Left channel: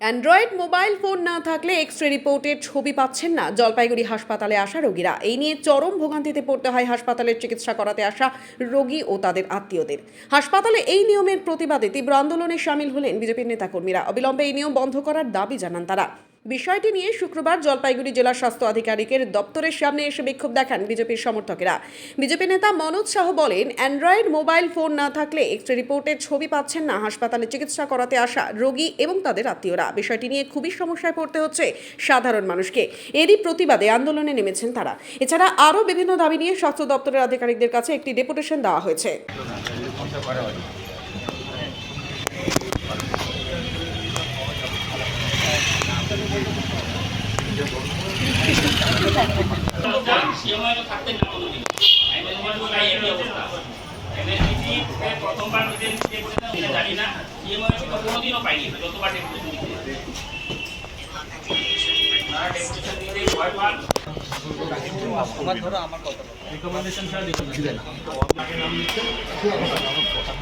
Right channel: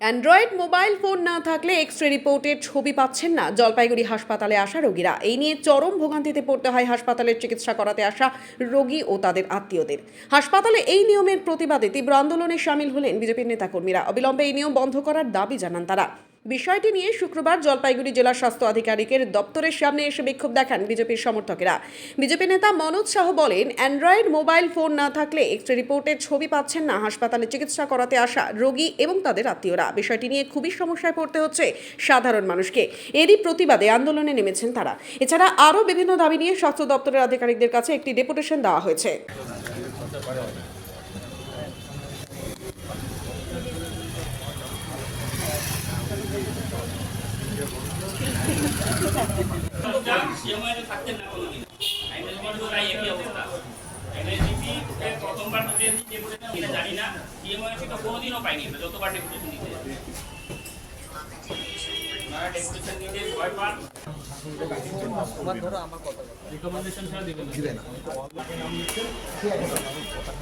Android mobile phone না থাকলে X-ray রিপোর্টের ছবি পাচ্ছেন না জলপাইগুড়ি হাসপাতালে আসা রোগীরা। এই নিয়ে চরম ভোগান্তিতে পড়তে হয় হাসপাতালের চিকিৎসা করাতে আসা রোগী ও তাদের আত্মীয়দের। হাসপাতালে এই নিয়মের প্রতিবাদে তীব্র আন্দোলনে সামিল হলেন বিজেপির নেতাকর্মীরা। অবিলম্বে এই নিয়ম বন্ধ করার দাবি জানান তারা। বিষয়টি নিয়ে শুক্রবার জলপাইগুড়ি জেলা স্বাস্থ্য আধিকারিকের দপ্তরের সামনে এসে বিক্ষোভ দেখান বিজেপির সমর্থকেরা। বিজেপি নেতা মনোজ শাহ বলেন, অ্যান্ড্রয়েড মোবাইল ফোন না থাকলে এক্স-রে রিপোর্টের ছবি পাচ্ছেন না হাসপাতালে চিকিৎসা করাতে আসা রোগী এবং তাদের আত্মীয়রা। বিষয়টি নিয়ে খুবই সমস্যায় পড়তে হচ্ছে সাধারণ মানুষকে। এরই প্রতিবাদে আন্দোলনে নেমেছেন তারা। এছাড়া আরও বিভিন্ন দাবি নিয়ে স্বাস্থ্য দপ্তরের আধিকারিকদের কাছে একটি ডেপুটেশন দেওয়া হয়েছে। আমার কথা